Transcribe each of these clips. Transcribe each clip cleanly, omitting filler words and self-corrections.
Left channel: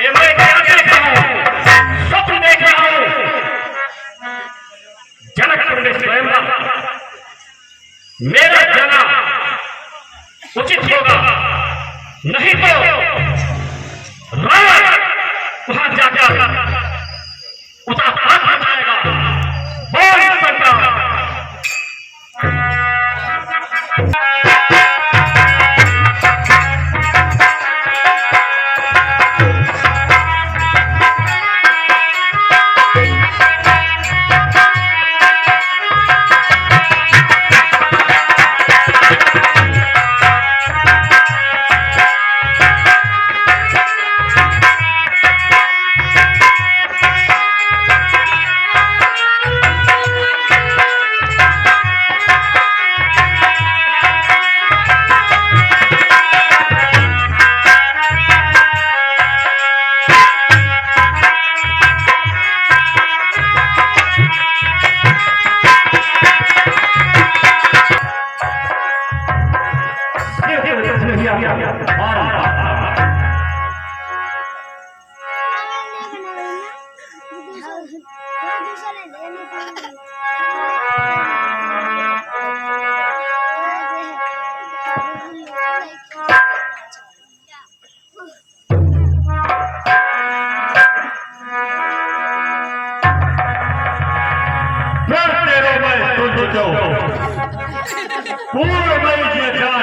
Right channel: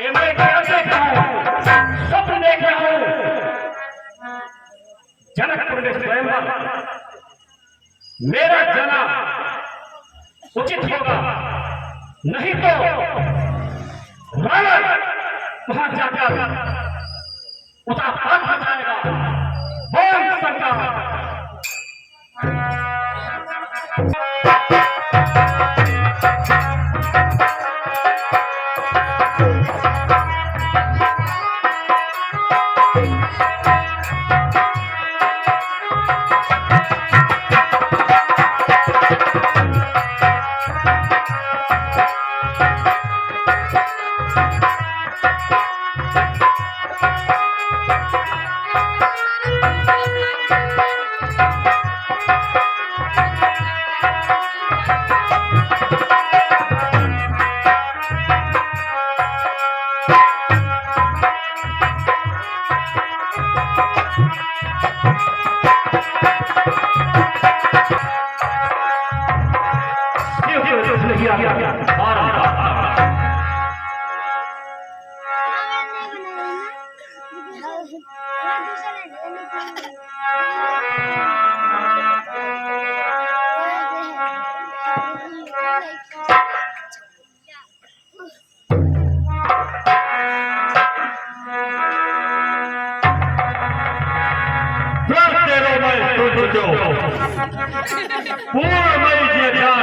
ये मैं क्या देख रहा हूँ, स्वप्न देख रहा हूँ। जनकपुर में स्वयं मेरा जाना उचित होगा, नहीं तो रावण वहां जाकर उसका हाथ हटाएगा। बोल सरकार। पूर्णमयी जी जान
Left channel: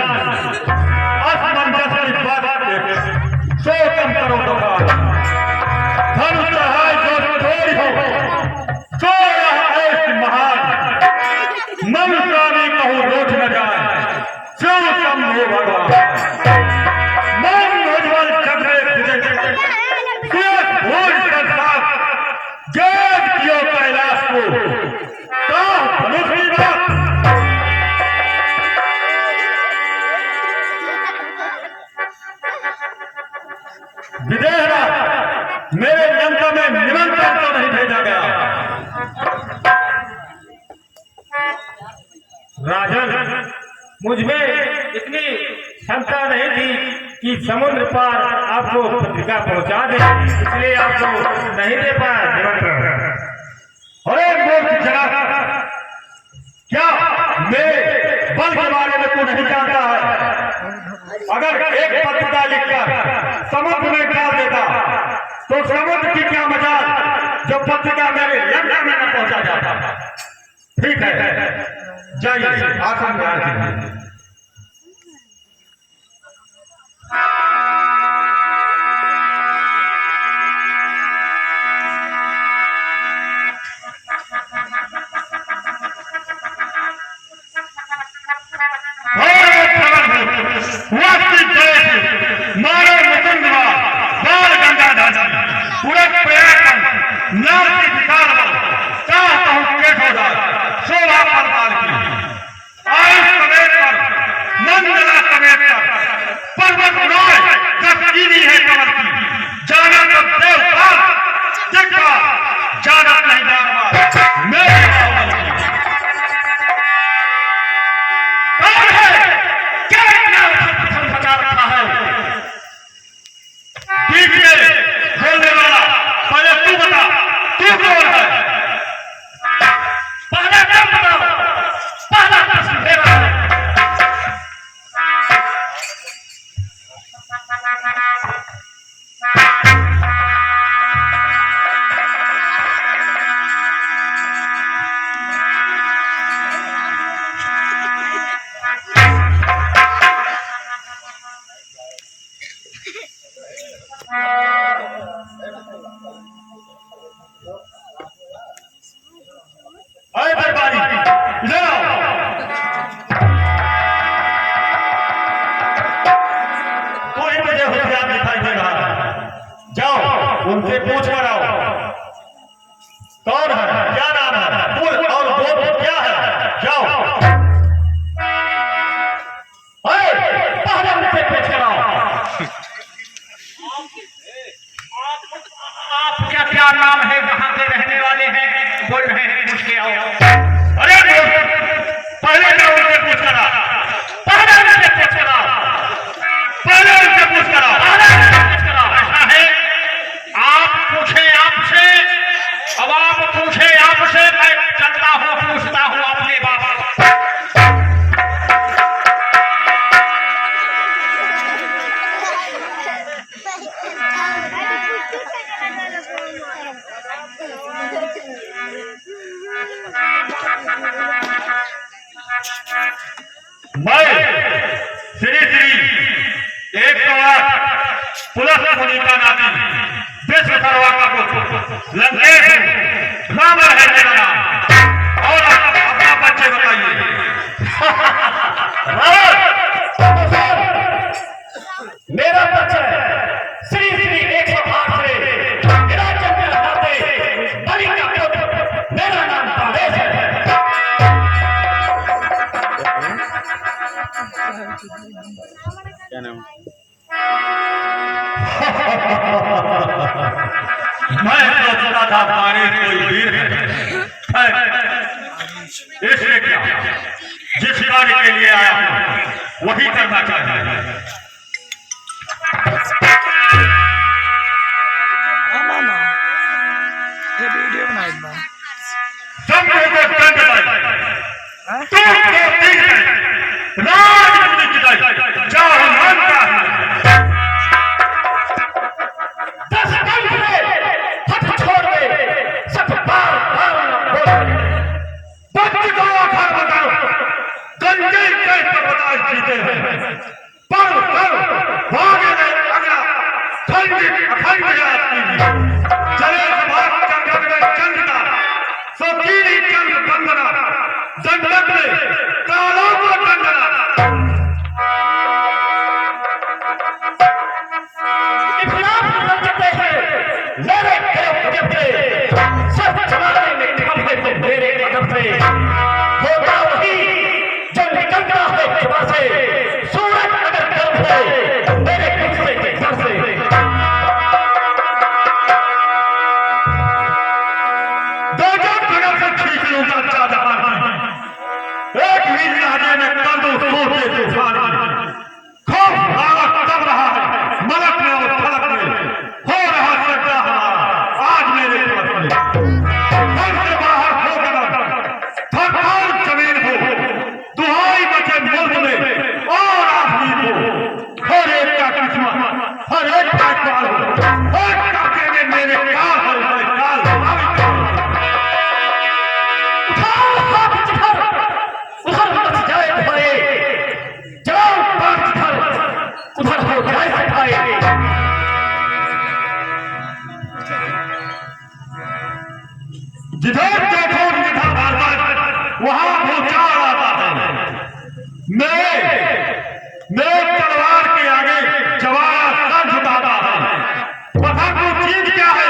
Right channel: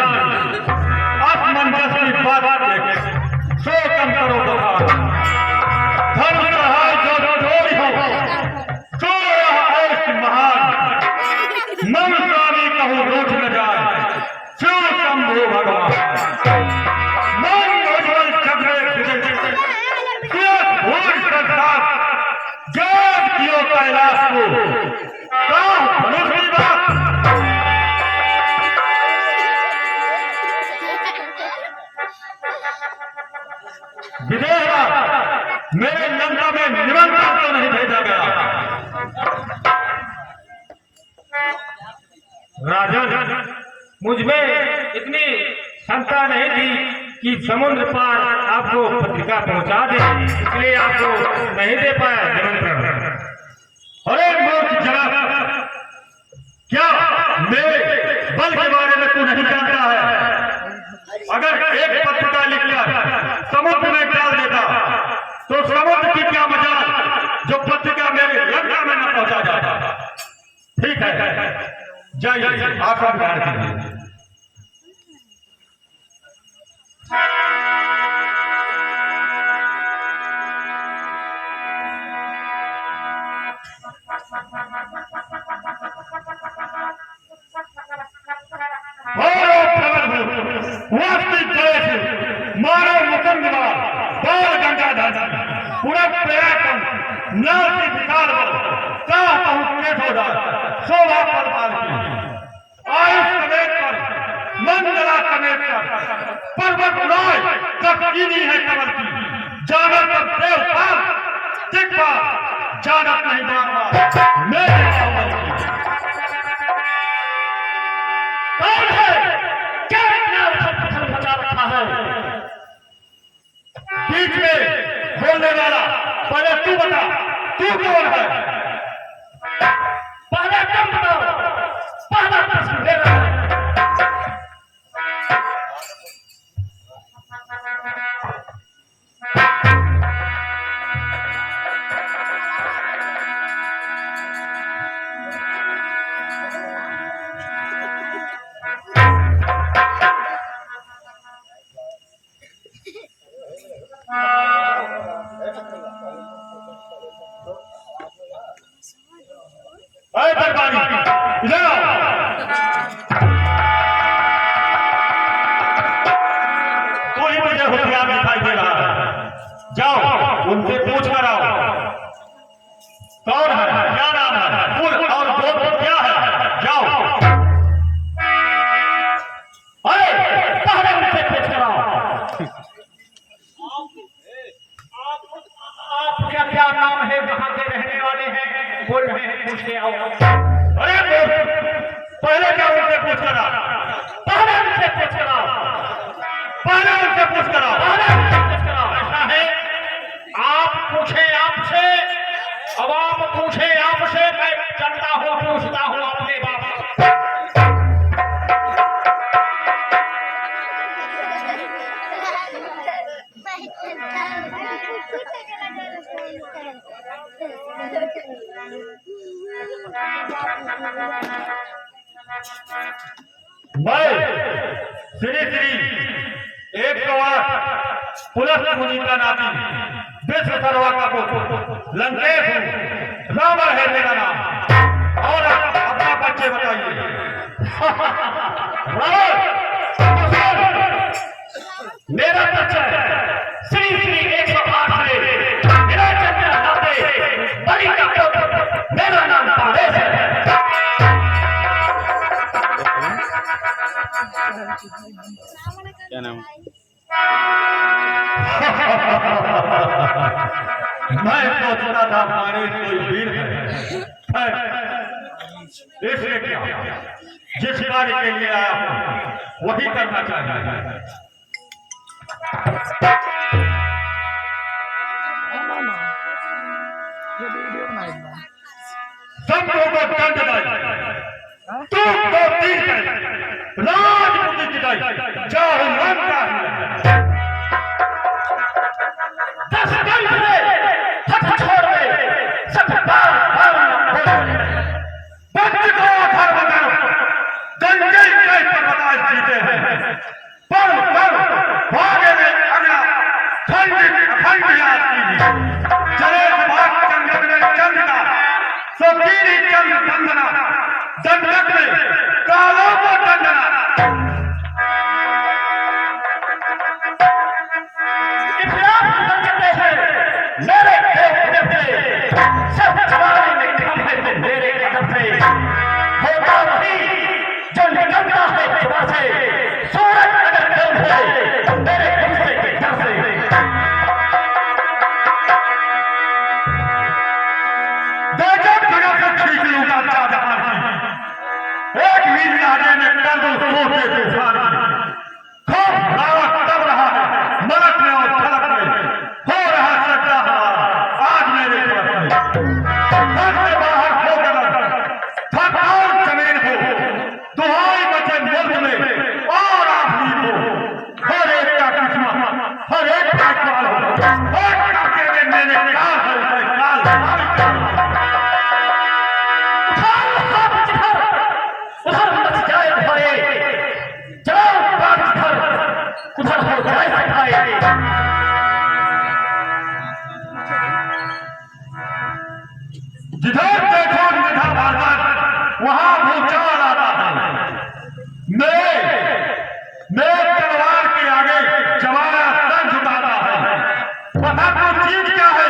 असमंजस की बात देख सो कम करो दुकान। धर्म चढ़ाए जो चोरी हो, जो यह ऐस महान मन प्राणी कहूँ रोज न जाए, जो शंभु भगवान मन निर्मल चंद्रे भूल संसार जब कियो कैलाश को विदेहरा मेरे लंका में निमंत्रण तो नहीं भेजा गया। राजन, मुझ में इतनी क्षमता नहीं थी कि समुद्र पार आपको पत्रिका पहुंचा दे, इसलिए आपको नहीं दे पाया निमंत्रण। अरे मूर्ख जनाब, क्या मेरे बल के बारे में तू नहीं जानता है? अगर एक पत्रिका लिखकर समुद्र में डाल देता तो समुद्र की क्या मजाल जो पत्रिका मेरे लंका में न पहुंचा जाता। ठीक है, जाइए आसन ग्रहण कीजिए। पूरा प्रयास चाहता हूं शोभा परमार की आयुष समेत कर मंगला समेत कर पर्वत राय जब कीनी है कमल की जाना तब देवपाल देखा जाना नहीं जानवा मेरे कौन है क्या बचा रखा है? ठीक है बोलने वाला, पहले तू बता तू कौन है? पहले तुम बताओ, पहला प्रश्न मेरा है। जाओ उनसे पूछ कर आओ कौन है, क्या नाम है, कुल और गोत्र क्या है। जाओ पहले उनसे पूछ कर आओ आपका क्या नाम है, कहाँ के रहने वाले हैं, बोल रहे हैं पूछ के आओ। अरे पहले जाओ उनसे पूछ कर आओ, पहले उनसे पूछ कर आओ, पहले उनसे पूछ कर आओ, पहले उनसे पूछ कर आओ। ऐसा है पुलस्त मुनि का नाती, विश्वकर्मा का पुत्र, लंकेश हूँ, रावण है मेरा नाम। और आप अपना परिचय बताइए। मेरा परिचय श्री श्री 108 से मेरा जन्म नाते बलि का पुत्र, मेरा नाम पारेश है। क्या नाम? मैं सोचता था पारेश कोई वीर है, इसलिए क्या जिस कार्य के लिए आया हूं वही करना चाहिए। सब लोगों को दंड तू तो ठीक है, राजनीति की दाई जाओ मानता है। दस दंड दे, हट छोड़ दे, सब बार बार बोल बच्चे को आखिर बताओ, गंजे कैसे बता जीते हैं। पर भागे ने अगला खंडित अखंड याद कीजिए। चले सुभाष चंद्र में चंद्रता, सोतीली चंद्र बंदना, दंडक में कालों को दंडना। इखलाफ करते हैं मेरे देवते, सब जमाने में हम हैं तो मेरे अदब से होता वही जो निकलता है जुबान से। सूरज अगर गर्म है तो मेरे गुस्से के डर से। खींच लूंगा चादर, एक मील आगे में कंधों सोते तूफान, खूब रावत कर रहा है मलक में और फलक में, हो रहा सच्चा हमारा आज मेरे पास में। घर से बाहर हो गया थकान जमीन हो, दुहाई बचे मुल्क में और आखिरी को, हर एक का किस्मत हर एक का काल हो, हर काके में मेरे काल है काल। जिधर देखो जिधर भारत वहां भूचाल आता है। मेरे तलवार के आगे जवाना सर झुकाता है। पता तू चीज क्या है,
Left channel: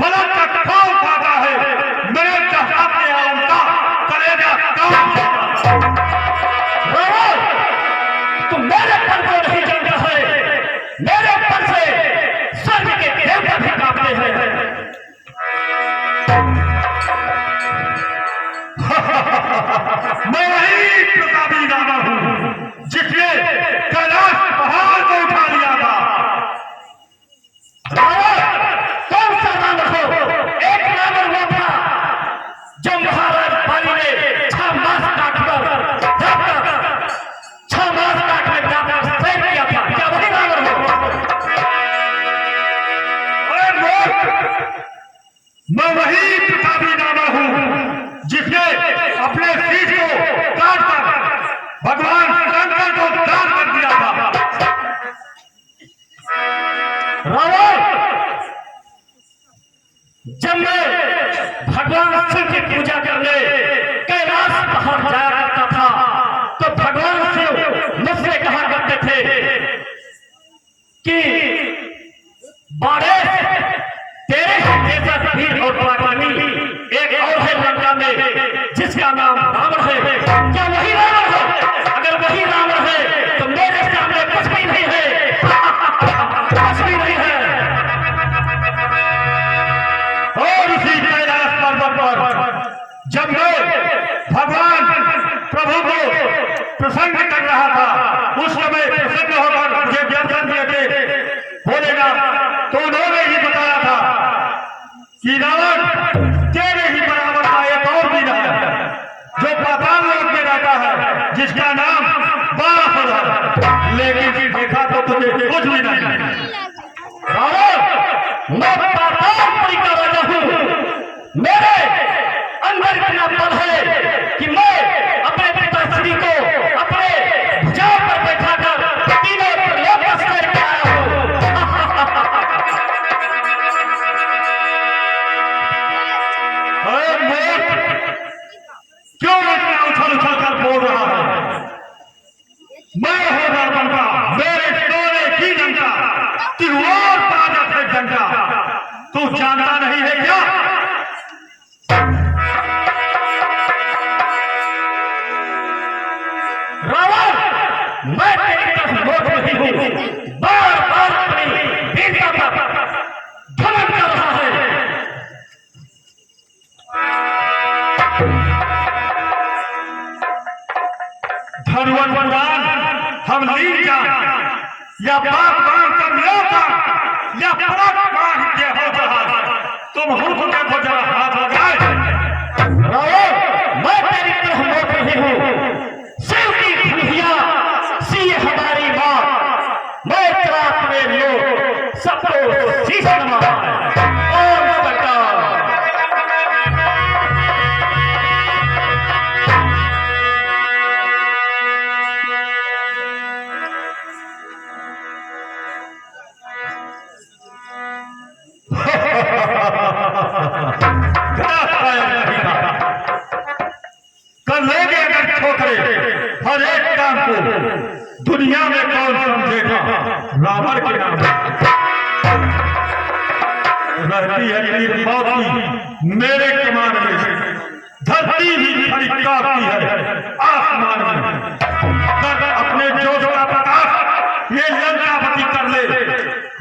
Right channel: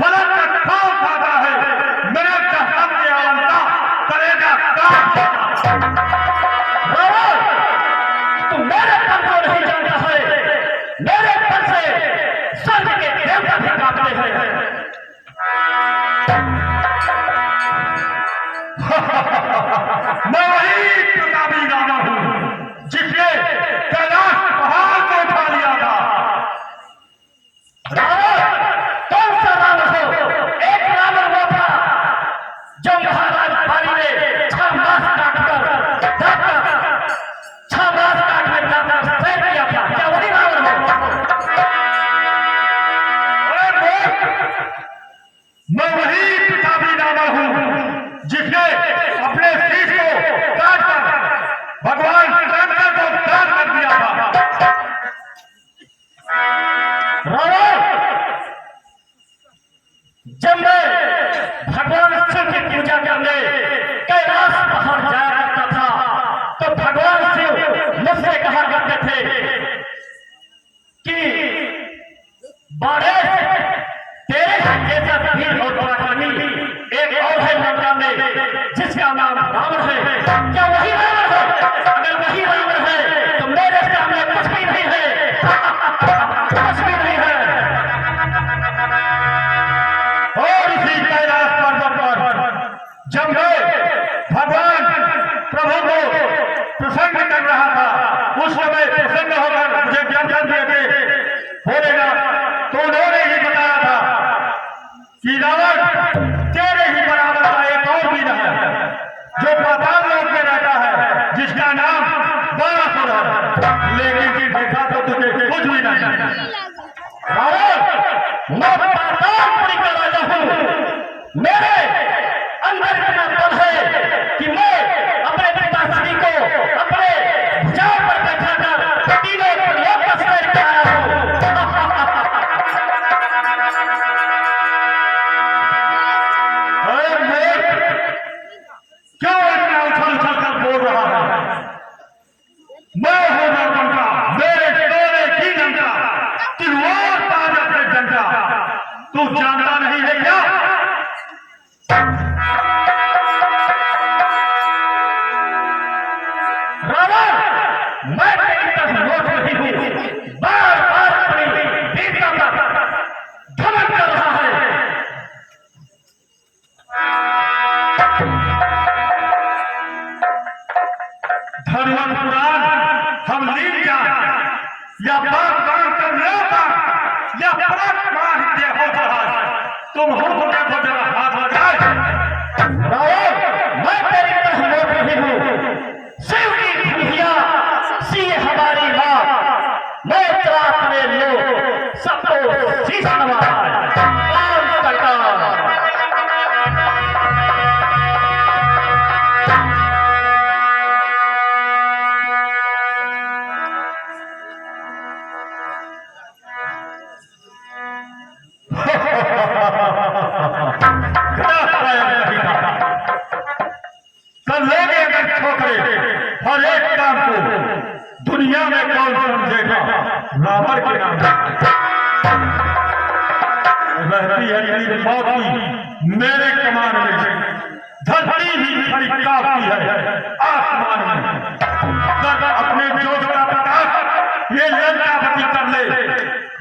फलक का खाओ खाता है। मेरे जहर के आलता करेगा काम। तू मेरे पर को नहीं जानता है, मेरे पर से स्वर्ग के देवता भी कांपते हैं। मैं वही प्रतापी रावण हूं जिसने कैलाश पहाड़ को उठा लिया था। कौन सा रावण हो? एक रावण वो था जो महाराज बाली ने 6 मास काटकर सैर किया था। क्या वही रावण हो? मैं वही प्रतापी रावण हूं जिसने अपने शीश को काटकर भगवान शंकर को दान कर दिया था। रावण, जब मैं भगवान शिव की पूजा करने कैलाश पहाड़ जाया करता था तो भगवान शिव मुझसे कहा करते थे कि बाड़े तेरे जैसा वीर और पराक्रमी एक और है लंका में जिसका नाम रावण है। क्या वही रावण है? अगर वही रावण है तो मेरे सामने कुछ भी नहीं है, कुछ भी नहीं है। और इसी कैलाश पर्वत पर जब मैं भगवान प्रभु को प्रसन्न कर रहा था, उस समय प्रसन्न होकर मुझे ज्ञान देते बोलेगा तो उन्होंने ही बताया था कि रावण तेरे ही बराबर का एक और वीर है जो पाताल लोक में रहता है, जिसका नाम बाणासुर है। लेकिन फिर देखा तो तुझे कुछ भी नहीं। मैं पातालपुरी का राजा हूं। मेरे अंदर इतना बल है कि मैं अपने पिताश्री को अपने भुजाओं पर बैठाकर तीनों लोक का सैर तू जानता नहीं है क्या? रावण, मैं तेरी तरफ लौट रही हूँ। बार बार अपनी वीरता का घमंड कर रहा है। धनुवंतरान, हम लीन जा या बात बात कर लेता या पराक्रम के हो रहा, तुम हो तो देखो जरा हाथ लगाए। रावण, मैं तेरी तरफ लौट रही हूँ। शिव की खुशियाँ सिए हमारी माँ, मैं तेरा अपने लोग सबको शीश नवा। ओम सरकार। कल लोग अगर ठोकरे हर एक काम को दुनिया में कौन समझेगा? रावण के नाम रहती है नीर मौती मेरे कमान में, धरती ही खड़ी काफी है आसमान में। कर अपने जोश का प्रकाश ये लंकापति कर ले,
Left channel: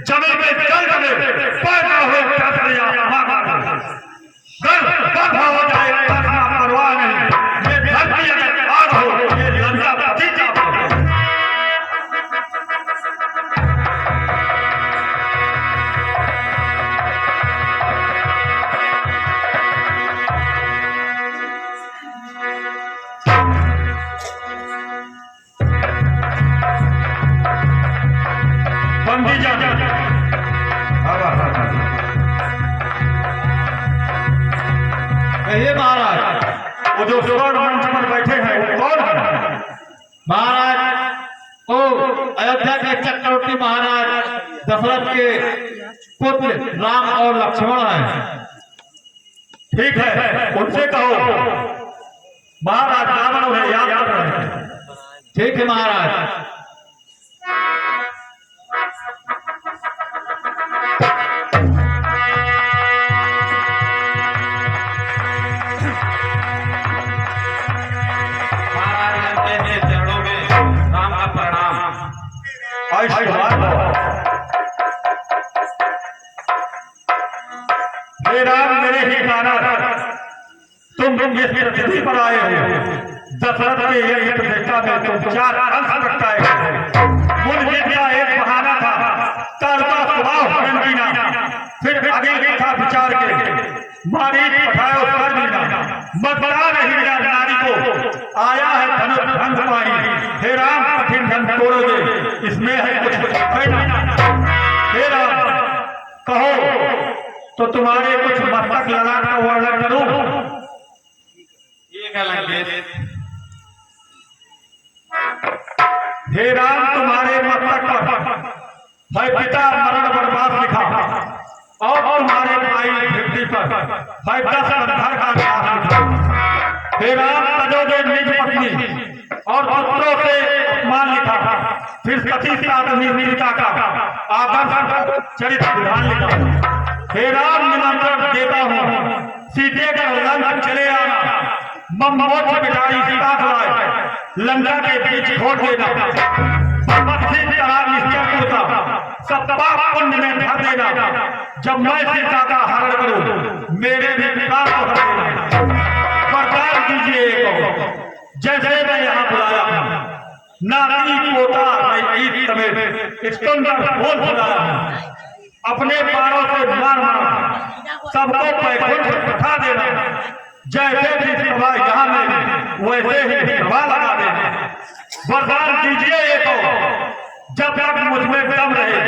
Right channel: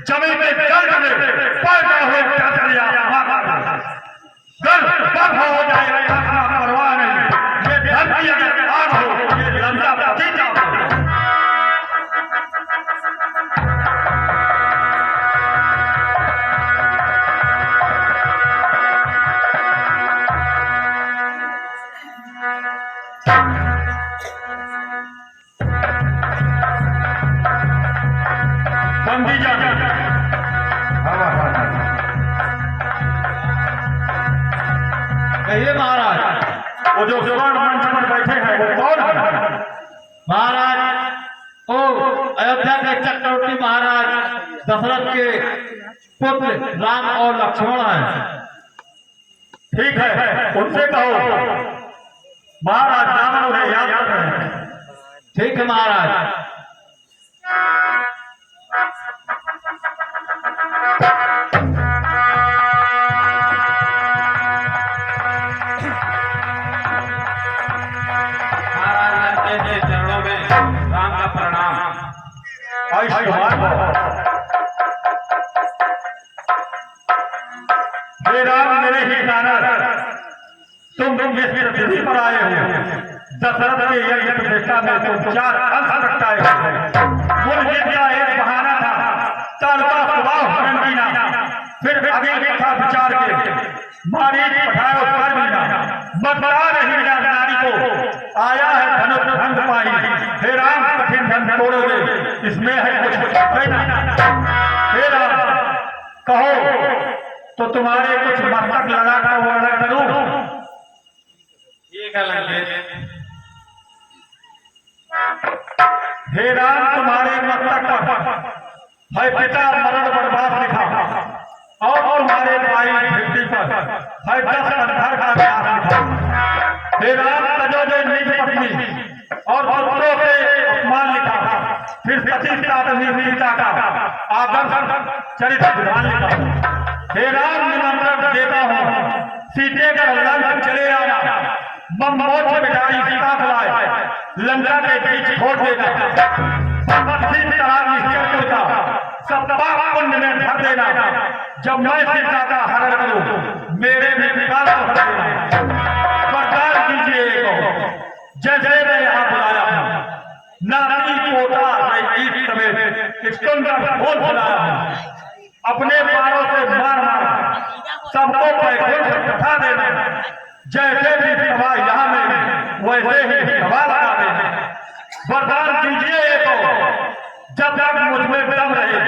जमीन में जल में पैदा हो कसरिया गर्भ हो जाए, परवाह नहीं। ये धरती अगर आग हो, ये लंकापति का हो। बंदी जा कहिए महाराज। वो जो स्वर्ण मंच पर बैठे हैं वो कौन है? महाराज ओ अयोध्या के चक्रवर्ती महाराज दशरथ के पुत्र राम और लक्ष्मण हैं। ठीक है, उनसे कहो महाराज रावण उन्हें याद कर रहे हैं। ठीक है महाराज। हे राम, मेरे ही कारण तुम इस पृथ्वी पर आए हो। दशरथ के यज्ञ प्रतिष्ठा में तुम 4 अंश प्रगटाए हो। मुझे का एक बहाना था, तर्का स्वभाव रंगीना, फिर आगे देखा विचार के मारीच पठायो कर बिना, मगरा नहीं मिला नारी को, आया है धनुष भंग पाई। हे राम, कठिन धन तोड़ोगे, इसमें है कुछ हे राम, कहो तो तुम्हारे कुछ मस्तक लगाना वर्णन करूं। हे राम, तुम्हारे मस्तक पर है पिता मरण बर्बाद लिखा, और तुम्हारे भाई भित्ति पर है 10 अंधर का नाश लिखा। हे राम, तजोगे निज पत्नी और पुत्रों से अपमान लिखा, फिर सती साधवी वीरता का आदर्श चरित्र विधान लिखा। हे राम, निमंत्रण देता हूँ, सीते का लंक चले आना, मोक्ष बिठाई सीता लाए, लंका के बीच छोड़ देना, सब पाप पुण्य में भर देना। जब मैं सीता का हरण करूं, मेरे में विकास भर देना। वरदान दीजिए को, जैसे मैं यहाँ बुलाया हूँ, नाती पोता समेत स्कंदर बोल बुलाया हूँ, अपने पारों से मार मार सबको पैकुंठ बैठा देना। जैसे भी सभा यहाँ में वैसे ही सभा लगा देना। वरदान दीजिए को, जब तक मुझ में दम रहे,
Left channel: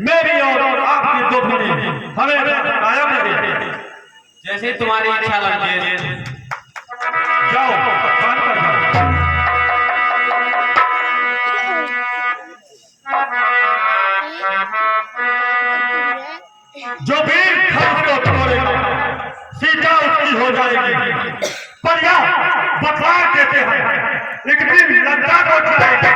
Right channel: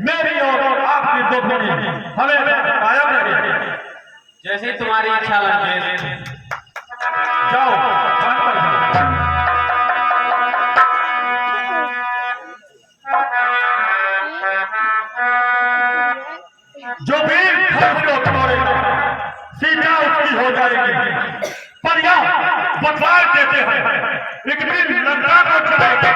मेरी और आपकी दुश्मनी हमें कायम रहे। जैसे तुम्हारी इच्छा लगे। जाओ, स्थान पर जाओ। जो भी धर्म को तोड़ेगा, सीता उसकी हो जाएगी। पर यह बतला देते हैं, एक दिन लंका को चलेगा।